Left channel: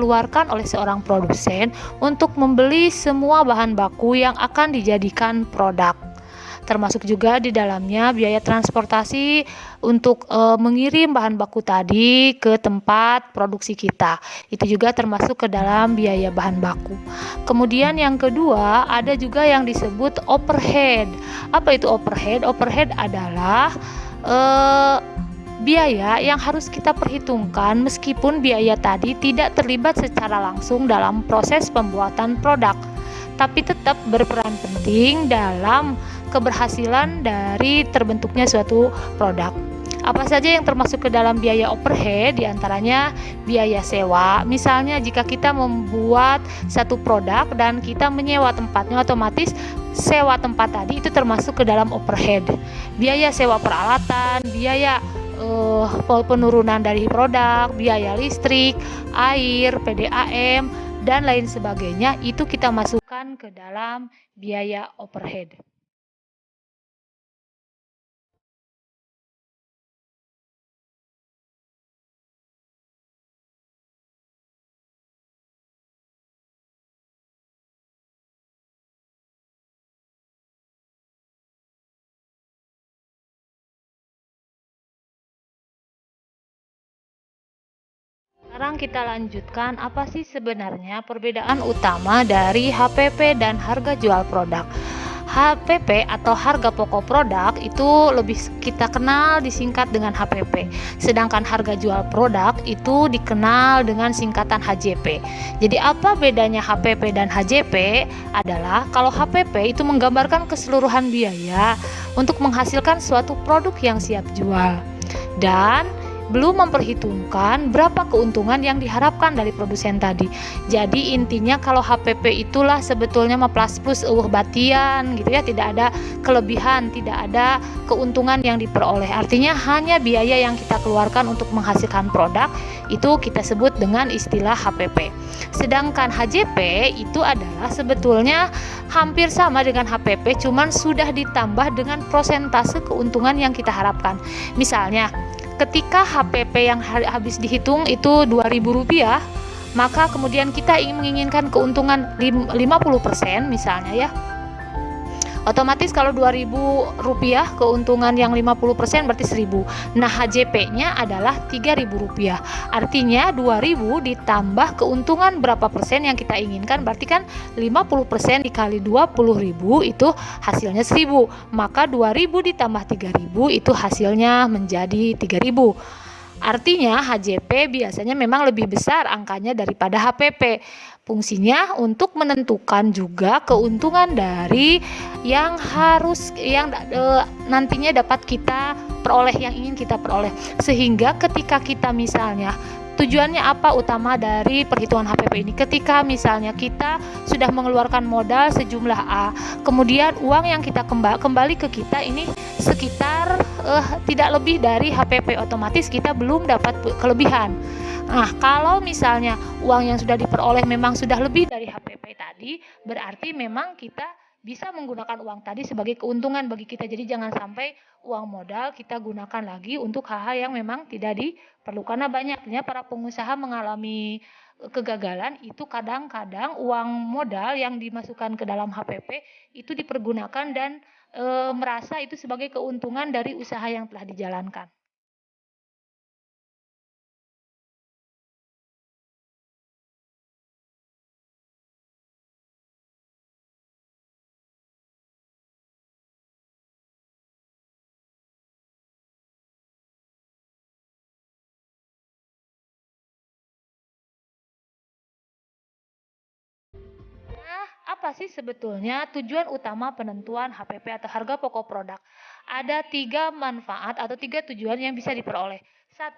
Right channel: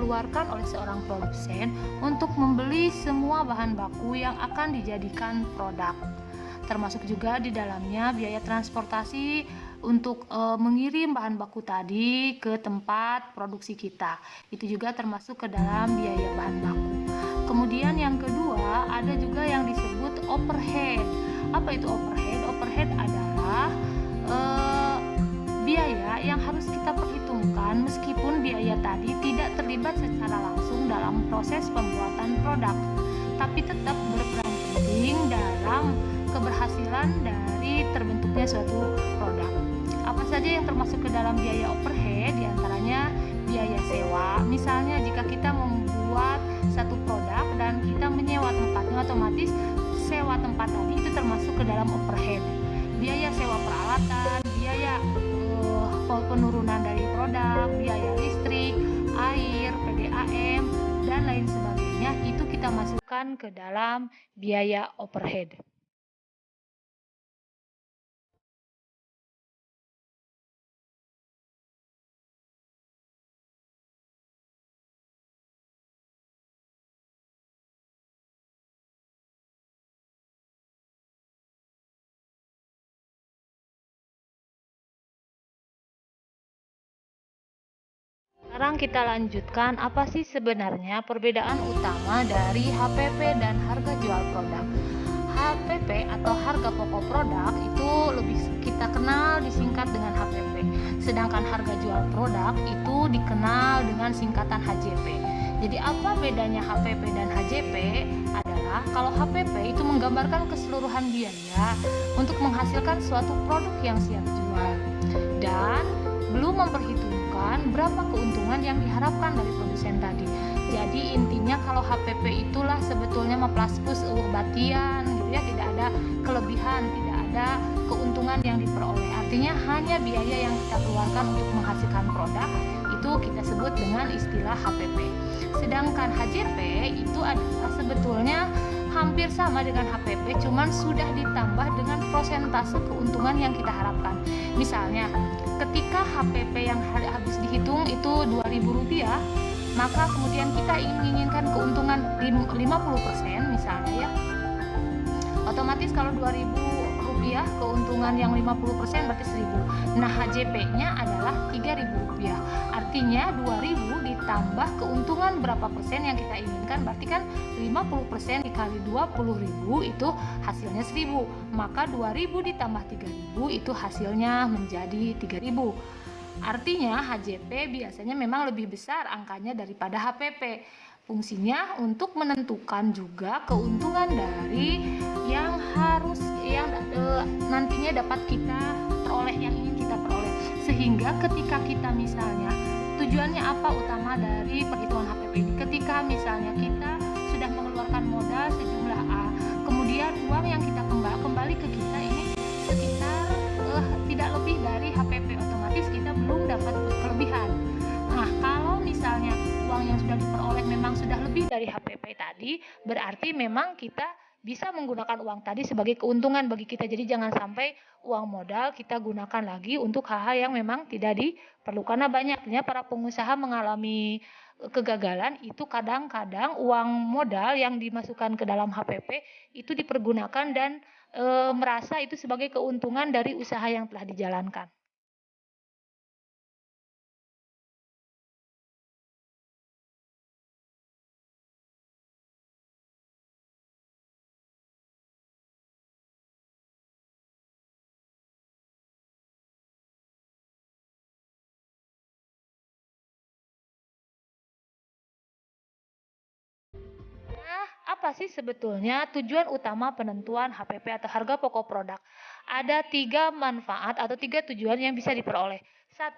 dikeluarkan oleh seorang produsen untuk membeli semua bahan baku yang akan dijadikan produk. Termasuk juga di dalamnya biaya transportasi untuk mengirim bahan baku tadi ke tempat produksi kita. Itu juga termasuk ke dalam biaya bahan baku. Kemudian yang kedua, ada juga yang disebut overhead. Apa itu overhead? Overhead adalah biaya yang harus kita perhitungkan meskipun biaya tadi tidak terlibat secara langsung dalam proses pembuatan produk, tapi tetap berperan penting dalam keberhasilan dari terbentuknya suatu produk. Apa saja yang termasuk ke dalam biaya overhead? Di antaranya biaya sewa. Misalnya jika kita membuat satu produk dan kita menyewa tempatnya, otomatis sewa tempat tadi itu termasuk ke dalam overhead. Biaya sewa peralatan, biaya penurunan dari produk, biaya listrik, air, PDAM, dan lain sebagainya, itu kita masukkan ke dalam biaya overhead. Sekarang kita lanjutkan apa sih sebenarnya perbedaan utama dari HPP dan harga jual produk. HPP atau harga pokok produk itu lebih kita kenal disingkat dengan HPP. Sedangkan harga jual produk itu dikenal dengan singkatan HJP. Jadi apa bedanya HPP dan HJP? Adalah kalau HPP itu menggambarkan keseluruhan biaya untuk menghasilkan suatu produk yang siap jual. Dan belum memperhitungkan berapa keuntungan yang diharapkan dari produsen tadi. Jadi intinya kalau HPP itulah sebetulnya plus plus batian gitu ya, tidak ada kelebihan, tidak ada keuntungan yang diperoleh. Artinya hanya biaya yang kita keluarkan untuk menghasilkan produk itu kita sebut dengan istilah HPP. Sedangkan HJP itu adalah sebetulnya hampir sama dengan HPP, cuman sudah ditambah dengan prosentase keuntungan yang kita harapkan. Misalnya ketika HPP yang habis dihitung itu Rp2.000, maka kemudian kita menginginkan keuntungan 50% misalnya ya. Otomatis kalau Rp2.000 keuntungan yang 50% berarti 1.000. Nah, HJP-nya adalah Rp3.000. Artinya 2.000 ditambah keuntungan berapa persen yang kita inginkan, berarti kan 50% dikali 20.000 itu hasilnya 1.000. Maka 2.000 ditambah 3.000 itu hasilnya menjadi 3.000. Artinya HJP biasanya memang lebih besar angkanya daripada HPP. Fungsinya untuk menentukan juga keuntungan dari yang nantinya dapat kita peroleh, yang ingin kita peroleh. Sehingga ketika kita misalnya tujuannya apa utama dari perhitungan HPP ini? Ketika misalnya kita sudah mengeluarkan modal sejumlah A, kemudian uang yang kita kembali ke kita ini sekitar tidak lebih dari HPP, otomatis kita belum dapat kelebihan. Nah, kalau misalnya uang yang sudah diperoleh memang sudah lebih dari HPP tadi, berarti memang kita bisa menggunakan uang tadi sebagai keuntungan bagi kita. Jadi jangan sampai uang modal kita gunakan lagi untuk hal-hal yang memang tidak diperlukan. Karena banyaknya para pengusaha mengalami kegagalan itu kadang-kadang uang modal yang dimasukkan ke dalam HPP itu dipergunakan dan merasa itu sebagai keuntungan dari usaha yang telah dijalankan. Apa sih sebetulnya tujuan utama penentuan HPP atau harga pokok produk? Ada 3 manfaat atau 3 tujuan yang bisa diperoleh. 1,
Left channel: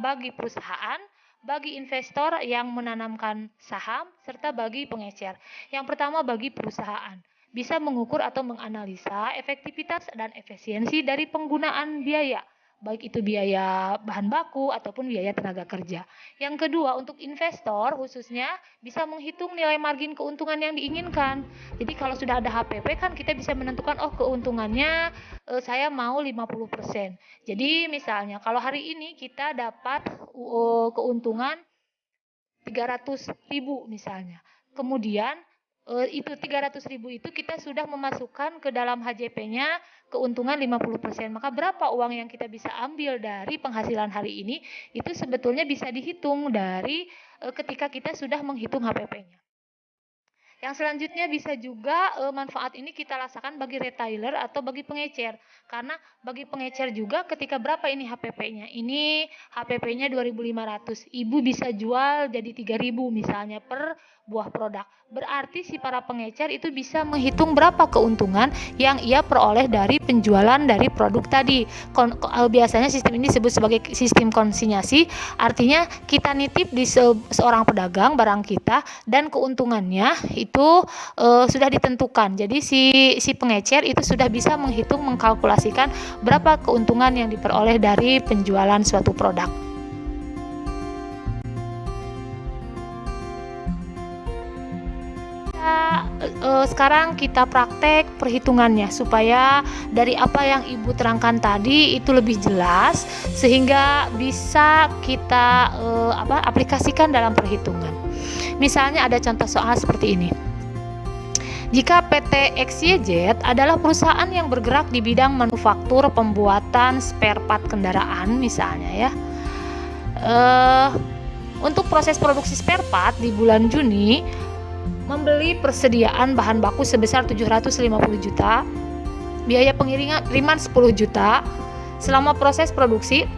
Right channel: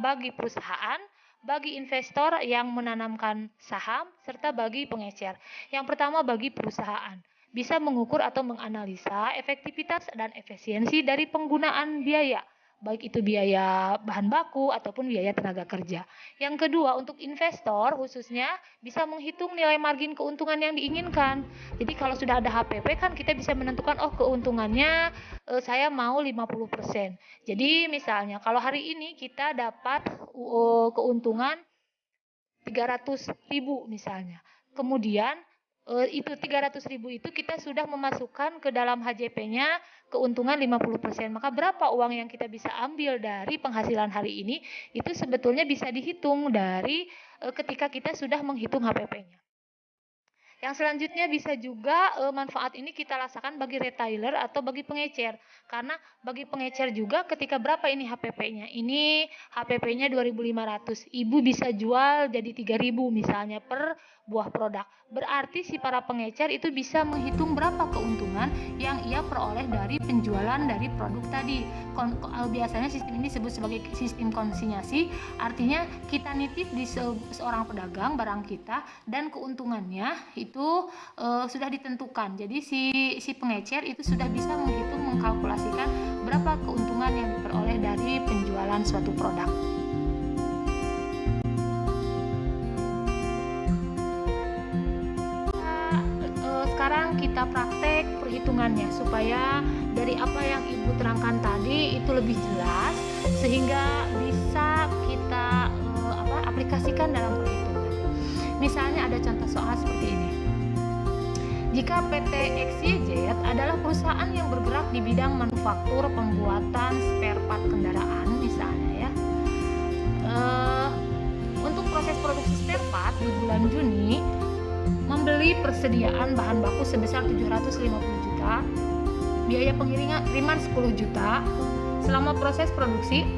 bagi perusahaan, bagi investor yang menanamkan saham, serta bagi pengecer. Yang pertama bagi perusahaan, bisa mengukur atau menganalisa efektivitas dan efisiensi dari penggunaan biaya, baik itu biaya bahan baku ataupun biaya tenaga kerja. Yang kedua, untuk investor khususnya bisa menghitung nilai margin keuntungan yang diinginkan. Jadi kalau sudah ada HPP kan kita bisa menentukan keuntungannya saya mau 50%. Jadi misalnya kalau hari ini kita dapat keuntungan 300.000 misalnya. Kemudian itu 300.000 itu kita sudah memasukkan ke dalam HJP-nya keuntungan 50%. Maka berapa uang yang kita bisa ambil dari penghasilan hari ini itu sebetulnya bisa dihitung dari ketika kita sudah menghitung HPP-nya. Yang selanjutnya bisa juga manfaat ini kita rasakan bagi retailer atau bagi pengecer. Karena bagi pengecer juga ketika berapa ini HPP-nya? Ini HPP-nya 2.500. Ibu bisa jual jadi 3.000 misalnya per buah produk. Berarti si para pengecer itu bisa menghitung berapa keuntungan yang ia peroleh dari penjualan dari produk tadi. Biasanya sistem ini disebut sebagai sistem konsinyasi, artinya kita nitip di seorang pedagang barang kita dan keuntungannya itu sudah ditentukan. Jadi si pengecer itu sudah bisa menghitung, mengkalkulasikan berapa keuntungan yang diperoleh dari penjualan suatu produk. Sekarang kita praktek perhitungannya supaya dari apa yang Ibu terangkan tadi itu lebih jelas sehingga bisa kita aplikasikan dalam perhitungan. Misalnya ada contoh soal seperti ini. Jika PT XYZ adalah perusahaan yang bergerak di bidang manufaktur pembuatan spare part kendaraan misalnya ya. Untuk proses produksi spare part di bulan Juni membeli persediaan bahan baku sebesar 750 juta, biaya pengiriman 10 juta. Selama proses produksi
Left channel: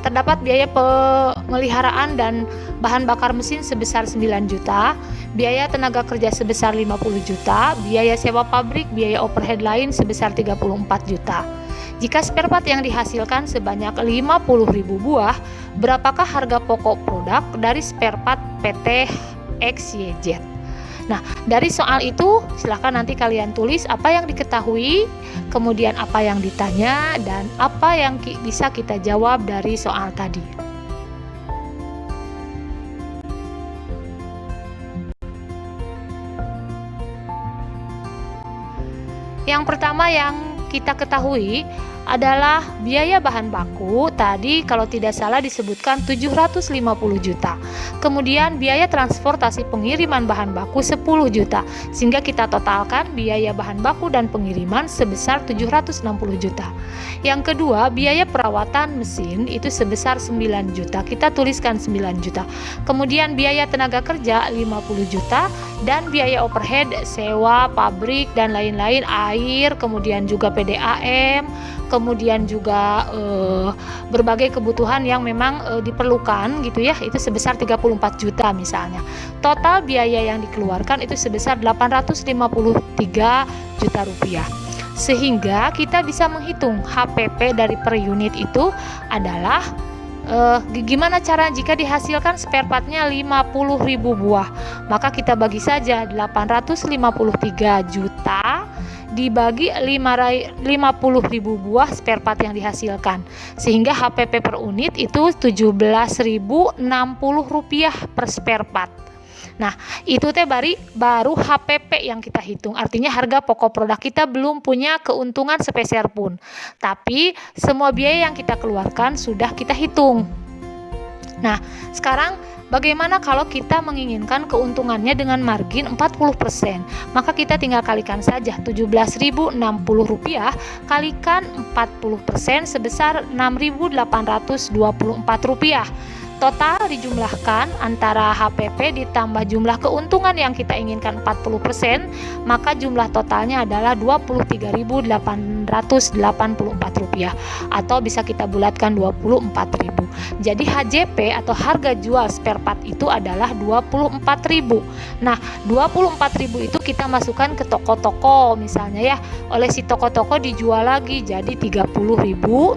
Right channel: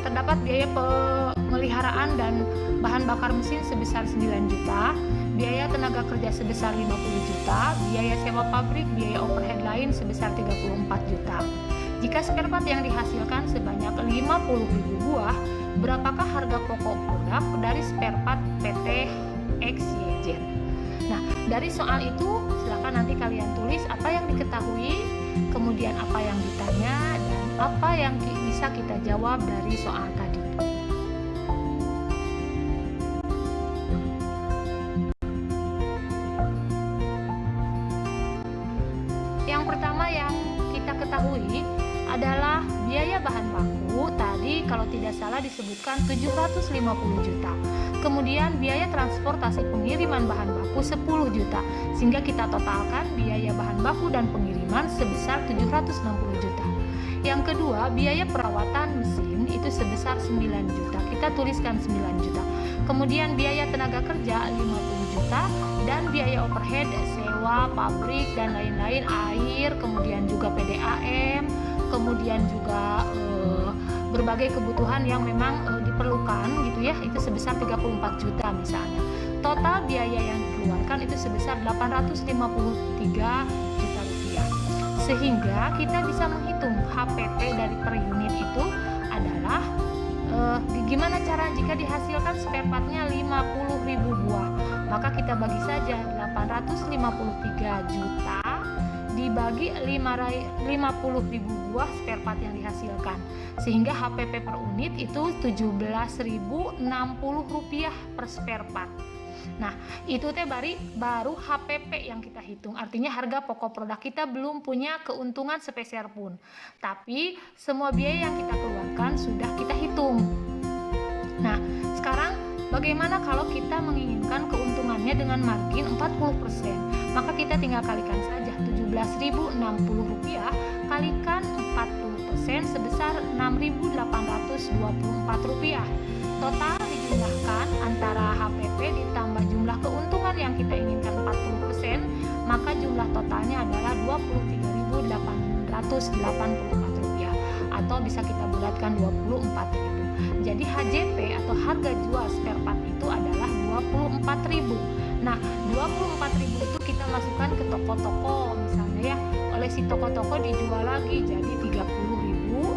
terdapat biaya pemeliharaan dan bahan bakar mesin sebesar 9 juta, biaya tenaga kerja sebesar 50 juta, biaya sewa pabrik, biaya overhead lain sebesar 34 juta. Jika spare part yang dihasilkan sebanyak 50.000 buah, berapakah harga pokok produk dari spare part PT XYZ? Nah, dari soal itu silakan nanti kalian tulis apa yang diketahui, kemudian apa yang ditanya, dan apa yang bisa kita jawab dari soal tadi. Yang pertama yang kita ketahui adalah biaya bahan baku tadi kalau tidak salah disebutkan 750 juta. Kemudian biaya transportasi pengiriman bahan baku 10 juta. Sehingga kita totalkan biaya bahan baku dan pengiriman sebesar 760 juta. Yang kedua, biaya perawatan mesin itu sebesar 9 juta. Kita tuliskan 9 juta. Kemudian biaya tenaga kerja 50 juta dan biaya overhead sewa pabrik dan lain-lain, air, kemudian juga PDAM, kemudian juga berbagai kebutuhan yang memang diperlukan gitu ya, itu sebesar 34 juta misalnya. Total biaya yang dikeluarkan itu sebesar 853 juta rupiah. Sehingga kita bisa menghitung HPP dari per unit itu adalah gimana cara jika dihasilkan spare partnya 50.000 buah, maka kita bagi saja 853 juta dibagi 50.000 buah spare part yang dihasilkan, sehingga HPP per unit itu 17.060 rupiah per spare part. Nah, itu teh baru HPP yang kita hitung. Artinya harga pokok produk kita belum punya keuntungan sepeser pun. Tapi semua biaya yang kita keluarkan sudah kita hitung. Nah, sekarang bagaimana kalau kita menginginkan keuntungannya dengan margin 40%? Maka kita tinggal kalikan saja 17.060 rupiah kalikan 40% sebesar 6.824 rupiah. Total dijumlahkan antara HPP ditambah jumlah keuntungan yang kita inginkan 40%, maka jumlah totalnya adalah 23.884 rupiah, atau bisa kita bulatkan 24.000. Jadi HJP atau harga jual spare part itu adalah 24.000. Nah, 24.000 itu kita masukkan ke toko-toko misalnya ya. Oleh si toko-toko dijual lagi jadi 30.000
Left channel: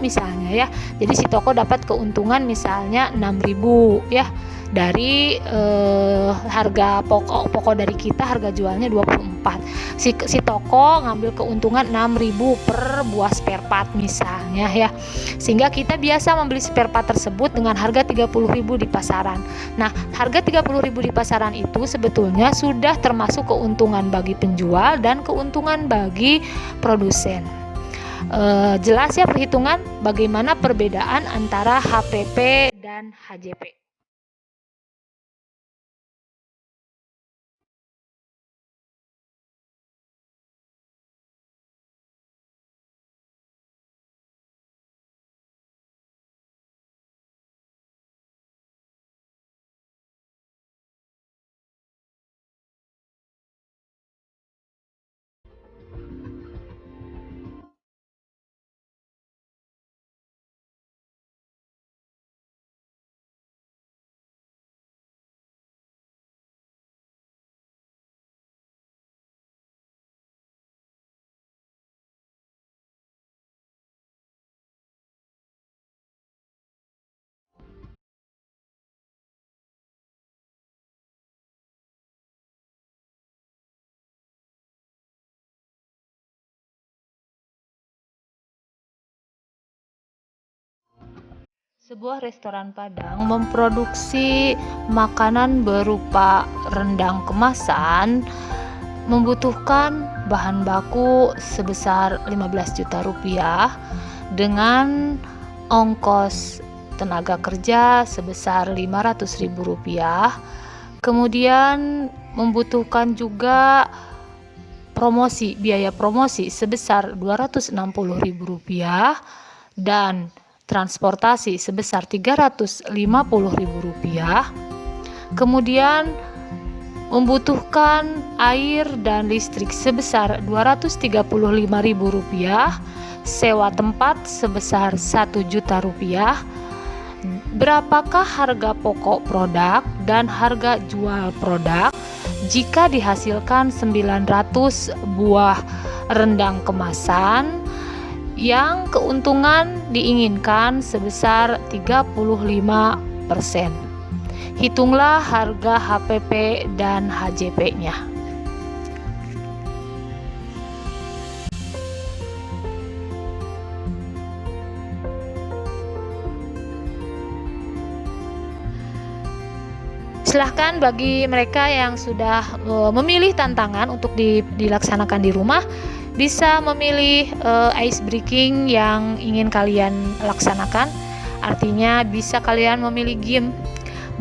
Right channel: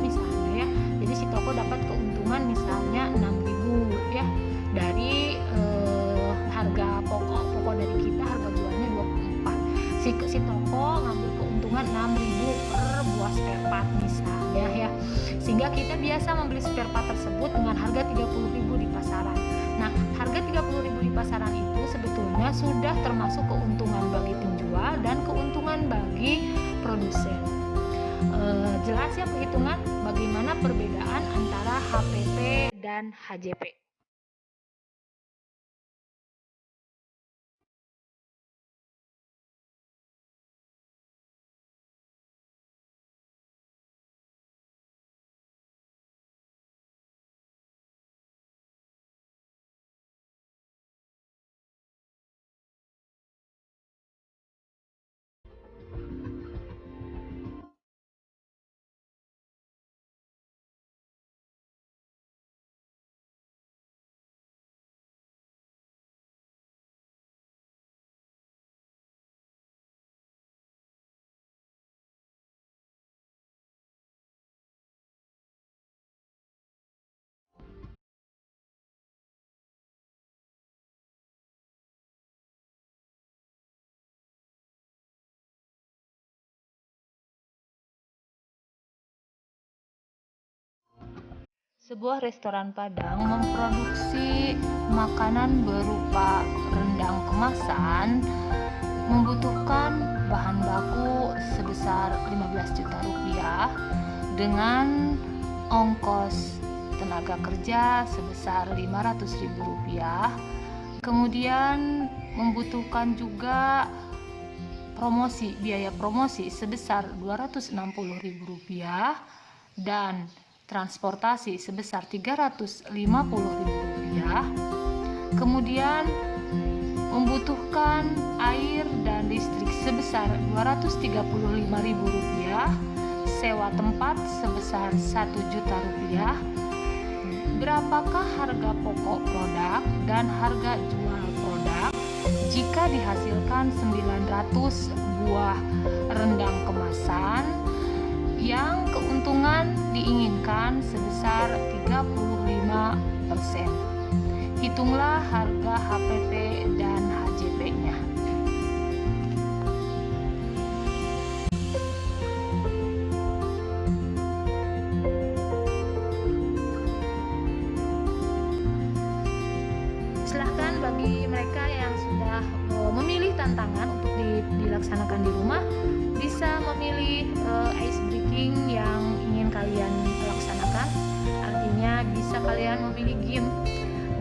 misalnya ya. Jadi si toko dapat keuntungan misalnya 6.000 ya, dari harga pokok dari kita harga jualnya 24. Si toko ngambil keuntungan 6.000 per buah spare part misalnya ya. Sehingga kita biasa membeli spare part tersebut dengan harga 30.000 di pasaran. Nah, harga 30.000 di pasaran itu sebetulnya sudah termasuk keuntungan bagi penjual dan keuntungan bagi produsen. Jelas ya perhitungan bagaimana perbedaan antara HPP dan HJP. Sebuah restoran Padang memproduksi makanan berupa rendang kemasan membutuhkan bahan baku sebesar 15 juta rupiah dengan ongkos tenaga kerja sebesar 500 ribu rupiah. Kemudian membutuhkan juga biaya promosi sebesar 260 ribu rupiah dan transportasi sebesar 350 ribu rupiah. Kemudian membutuhkan air dan listrik sebesar 235 ribu rupiah, sewa tempat sebesar 1 juta rupiah. Berapakah harga pokok produk dan harga jual produk jika dihasilkan 900 buah rendang kemasan yang keuntungan diinginkan sebesar 35%. Hitunglah harga HPP dan HJP-nya. Silahkan bagi mereka yang sudah memilih tantangan untuk dilaksanakan di rumah, bisa memilih ice breaking yang ingin kalian laksanakan. Artinya bisa kalian memilih game.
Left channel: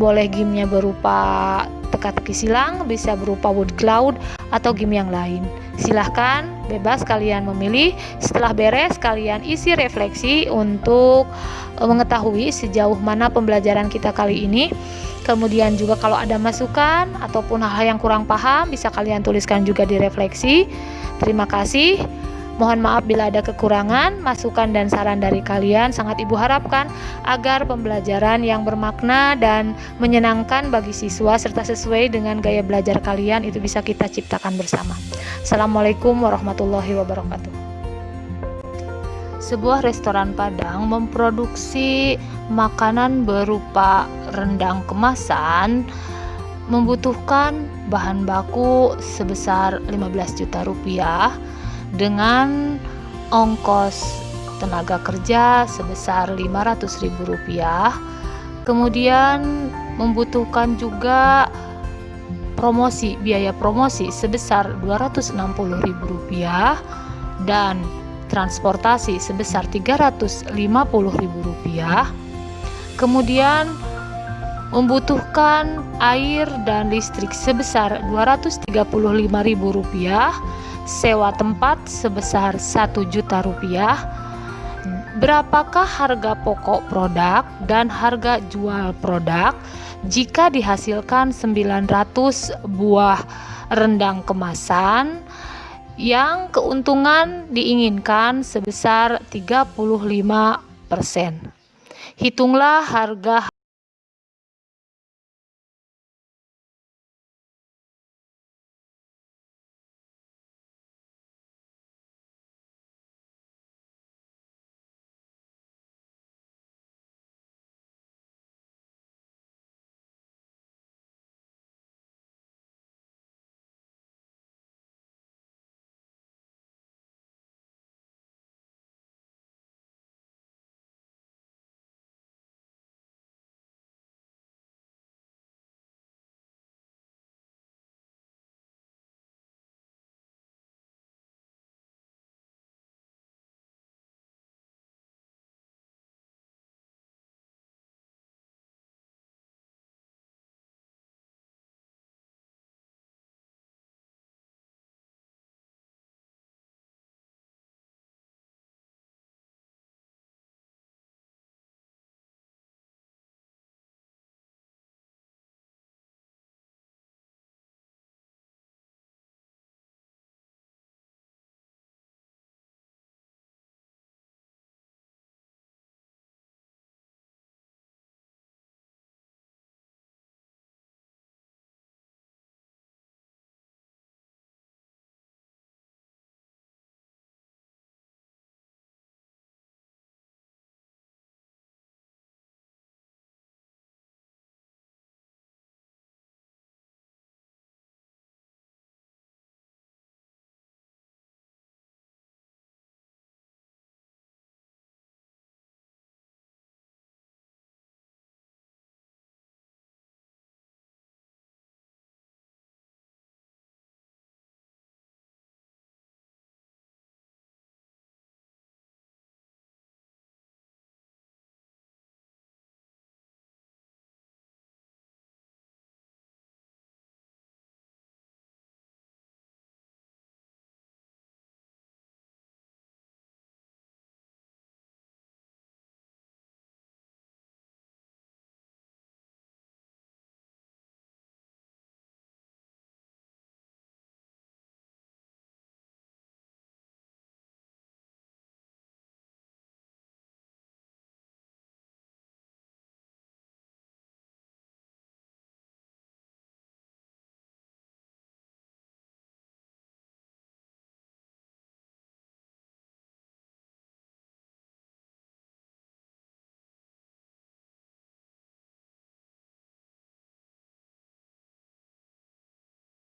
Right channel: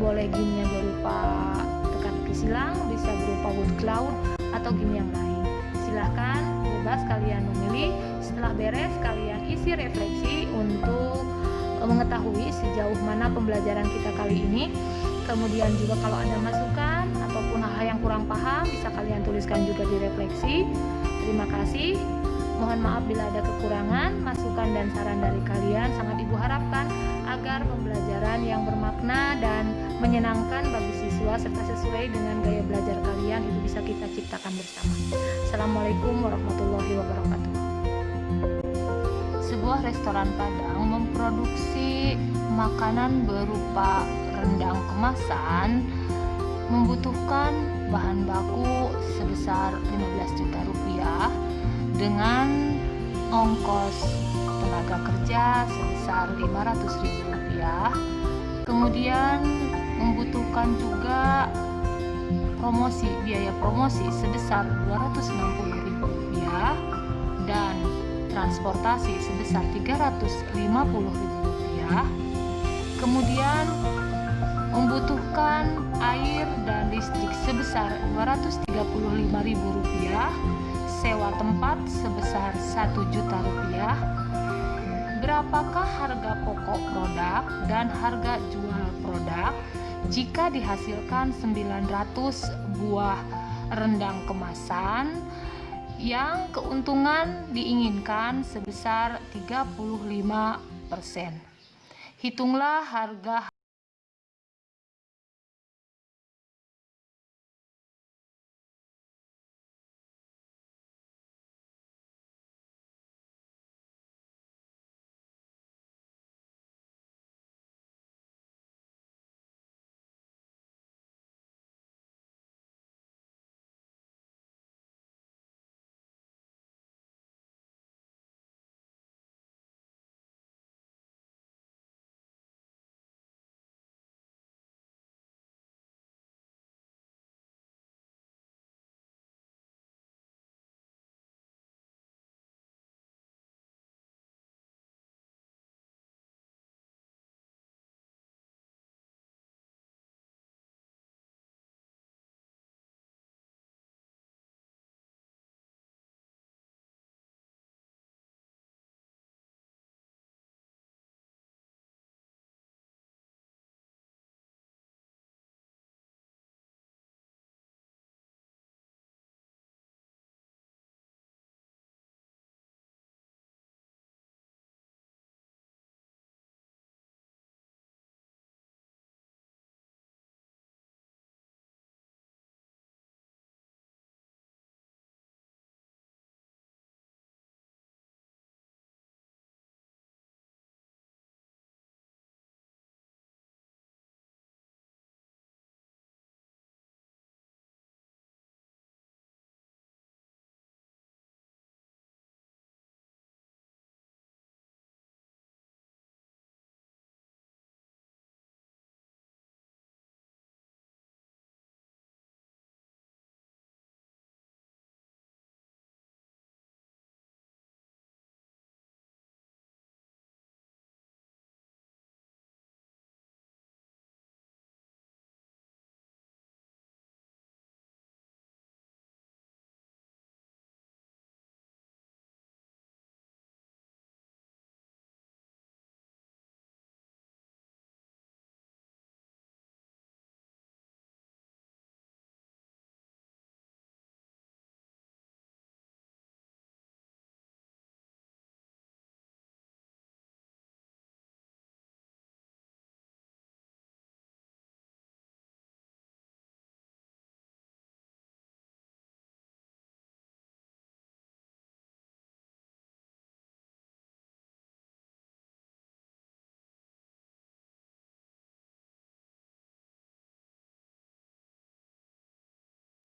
Boleh gamenya berupa teka-teki silang, bisa berupa wood cloud, atau game yang lain. Silahkan, bebas kalian memilih. Setelah beres, kalian isi refleksi untuk mengetahui sejauh mana pembelajaran kita kali ini. Kemudian juga kalau ada masukan ataupun hal-hal yang kurang paham, bisa kalian tuliskan juga di refleksi. Terima kasih. Mohon maaf bila ada kekurangan, masukan dan saran dari kalian sangat Ibu harapkan agar pembelajaran yang bermakna dan menyenangkan bagi siswa serta sesuai dengan gaya belajar kalian itu bisa kita ciptakan bersama. Assalamualaikum warahmatullahi wabarakatuh. Sebuah restoran Padang memproduksi makanan berupa rendang kemasan membutuhkan bahan baku sebesar 15 juta rupiah dengan ongkos tenaga kerja sebesar 500 ribu rupiah. Kemudian membutuhkan juga biaya promosi sebesar 260 ribu rupiah dan transportasi sebesar 350 ribu rupiah. Kemudian membutuhkan air dan listrik sebesar 235 ribu rupiah, sewa tempat sebesar 1 juta rupiah. Berapakah harga pokok produk dan harga jual produk jika dihasilkan 900 buah rendang kemasan yang keuntungan diinginkan sebesar 35%. Hitunglah harga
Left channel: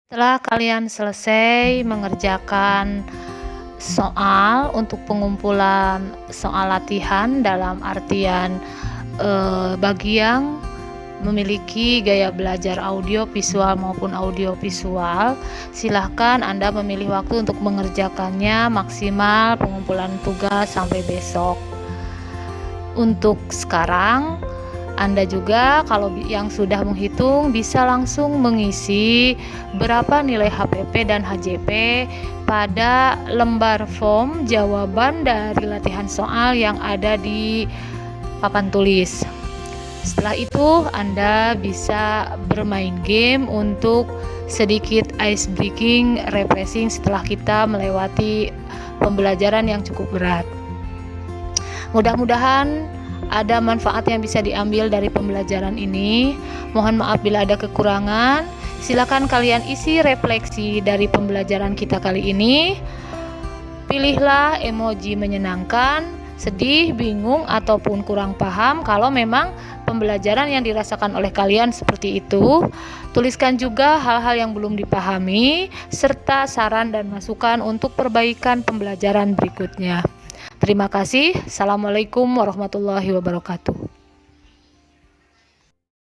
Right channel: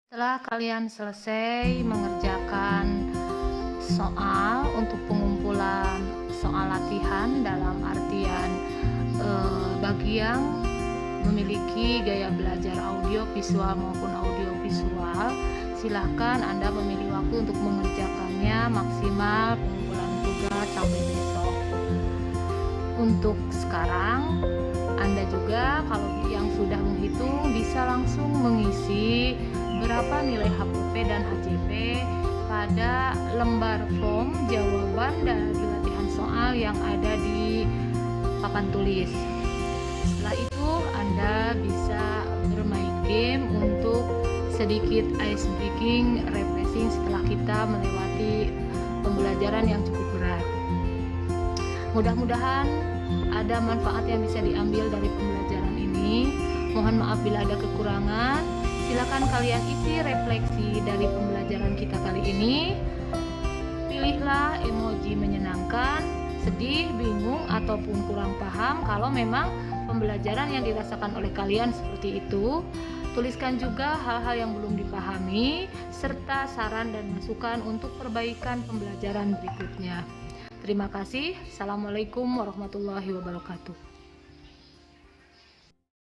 Setelah kalian selesai mengerjakan soal untuk pengumpulan soal latihan dalam artian bagi yang memiliki gaya belajar audio visual maupun audio visual, silahkan Anda memilih waktu untuk mengerjakannya maksimal pengumpulan tugas sampai besok. Untuk sekarang Anda juga kalau yang sudah menghitung bisa langsung mengisi berapa nilai HPP dan HJP pada lembar form jawaban dari latihan soal yang ada di papan tulis. Setelah itu Anda bisa bermain game untuk sedikit ice breaking, refreshing setelah kita melewati pembelajaran yang cukup berat. Mudah-mudahan ada manfaat yang bisa diambil dari pembelajaran ini. Mohon maaf bila ada kekurangan. Silakan kalian isi refleksi dari pembelajaran kita kali ini. Pilihlah emoji menyenangkan, sedih, bingung, ataupun kurang paham kalau memang pembelajaran yang dirasakan oleh kalian seperti itu. Tuliskan juga hal-hal yang belum dipahami, serta saran dan masukan untuk perbaikan pembelajaran berikutnya. Terima kasih. Assalamualaikum warahmatullahi wabarakatuh.